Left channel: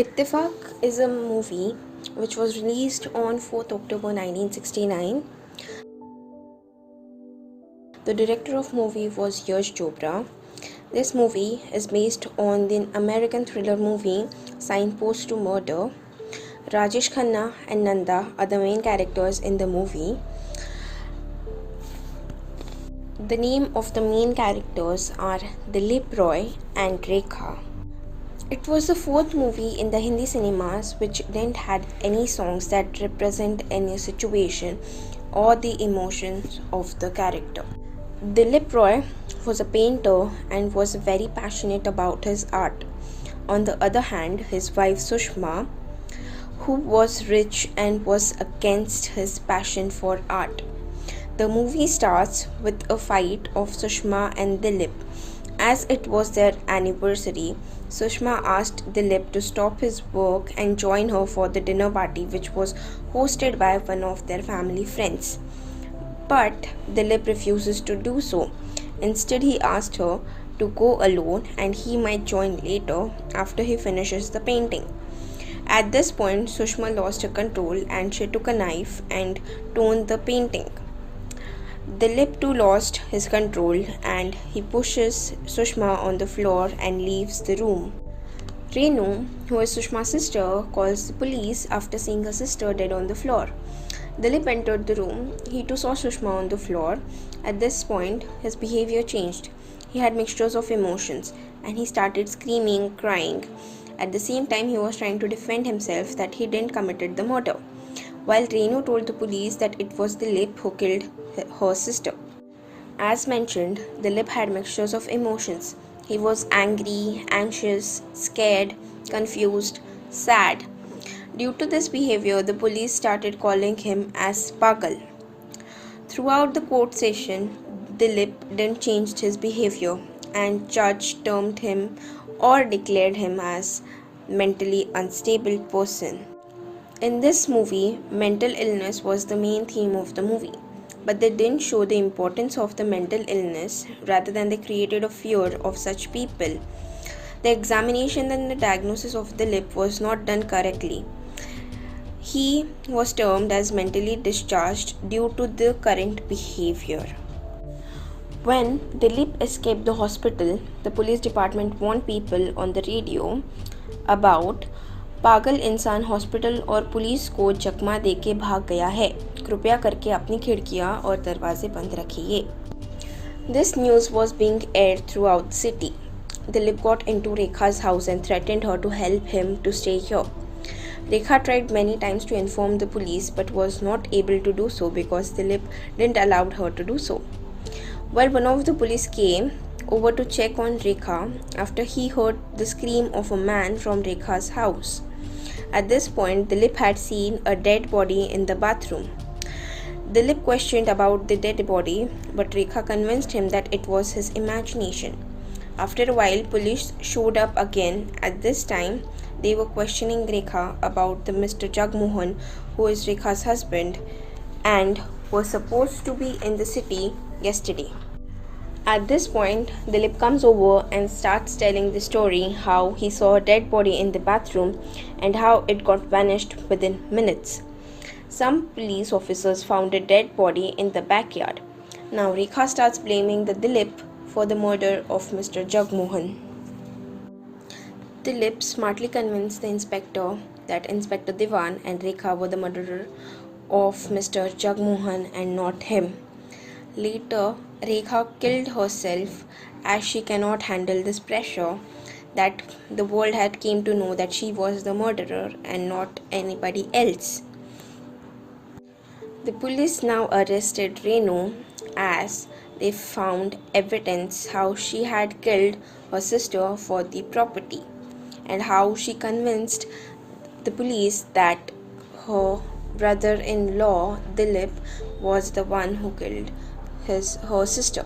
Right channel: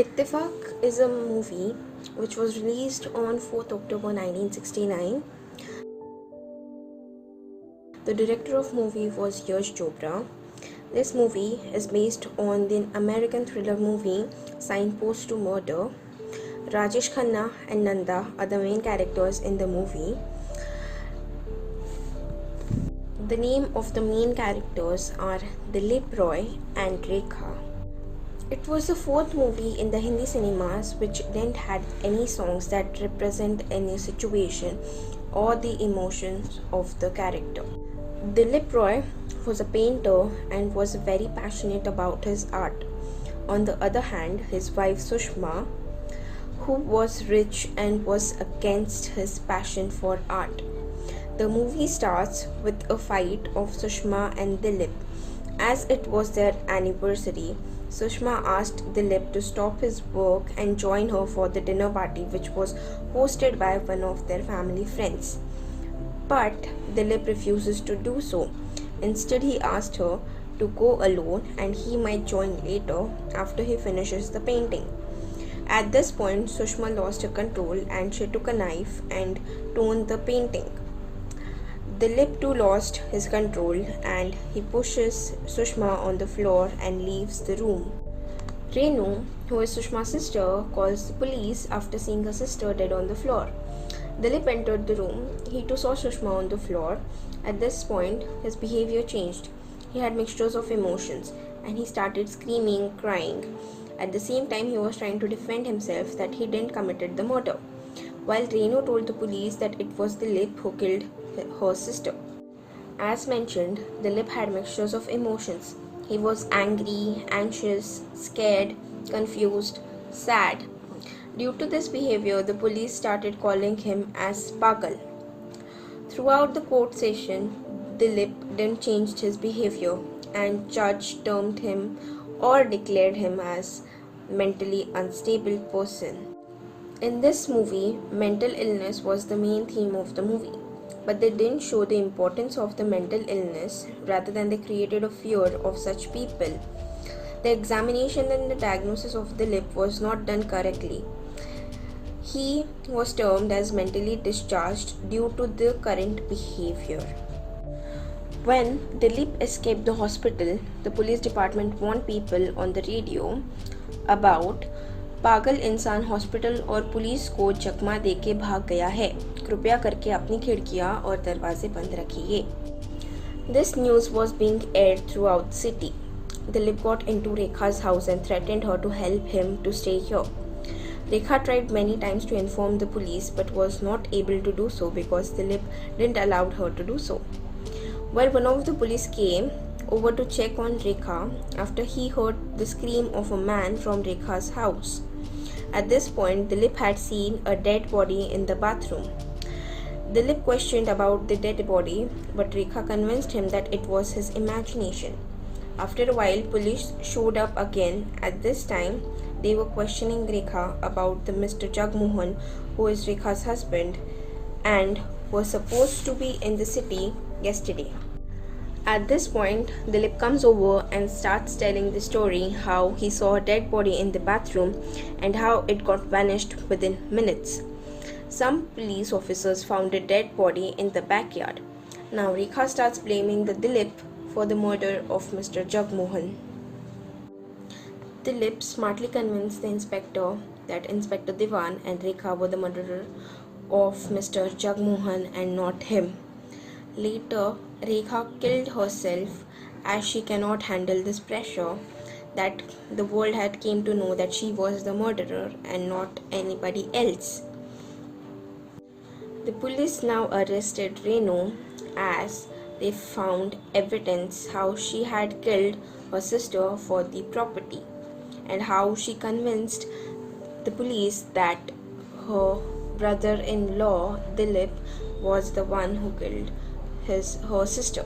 Ittifaq is a movie which was released on 4th October 1969. The director of movie was Yash Chopra. This movie is based on the American thriller movie Signpost to Murder. Rajesh Khanna and Nanda are the main characters in the movie. The name of the main characters are Dilip Roy and Rekha. It was the fourth movie in the Hindi cinemas which didn't have any songs that represent any situation or the emotions of the character. Dilip Roy was a painter and was very passionate about his art. On the other hand, his wife Sushma, who was rich and was against his passion for art. The movie starts with a fight of Sushma and Dilip. As it was their anniversary, Sushma asked Dilip to stop his work and join her for the dinner party which was hosted by one of their family friends. But Dilip refuses to do so. Instead, he asked her to go alone and he might join later after he finishes the painting. At this point, Sushma lost her control and she took a knife and torn the painting. Dilip too lost his control and he pushes Sushma on the floor and leaves the room. Renu, who is Sushma's sister, calls the police after seeing her sister dead on the floor. Dilip entered the room. He too saw Sushma on the floor. At this point, his behavior changed. He had mixtures of emotions and he started screaming, crying. At the same time, he was trying to defend himself that he didn't committed the murder, while Renu told the police that it was Dilip who killed her sister. As mentioned, Dilip had mixtures of emotions. He was angry, anxious, scared, confused, sad. Due to this behavior, the police started calling him as Pagal. Throughout the court session, Dilip didn't change his behavior and judge termed him or declared him as mentally unstable person. In this movie, mental illness was the main theme of the movie, but they didn't show the importance of the mental illness, rather than they created a fear of such people. The examination and the diagnosis of Dilip was not done correctly. He was termed as mentally discharged due to the current behavior. When Dilip escaped the hospital, the police department warned people on the radio about पागल इंसान hospital और police को चकमा देके भाग गया है, कृपया करके अपनी खिड़कियां और दरवाजे बंद रखिए. This news was being aired throughout the city. Dilip got into Rekha's house and threatened her to help him to stay here. Rekha tried many times to inform the police but was not able to do so because Dilip didn't allow her to do so. While one of the police came over to check on Rekha after he heard the scream of a man from Rekha's house. At this point, Dilip had seen a dead body in the bathroom. Dilip questioned about the dead body, but Rekha convinced him that it was his imagination. After a while, police showed up again. At this time, they were questioning Rekha about the Mr. Jagmohan, who is Rekha's husband, and was supposed to be in the city yesterday. At this point, Dilip comes over and starts telling the story how he saw a dead body in the bathroom and how it got vanished within minutes. Some police officers found a dead body in the backyard. Now Rekha starts blaming the Dilip for the murder of Mr. Jagmohan. Dilip smartly convinced the inspector that Inspector Diwan and Rekha were the murderer of Mr. Jagmohan and not him. Later, Rekha killed herself as she cannot handle this pressure that the world had came to know that she was the murderer and not anybody else. The police now arrested Renu as they found evidence how she had killed her sister for the property and how she convinced the police that her brother-in-law Dilip was the one who killed her sister.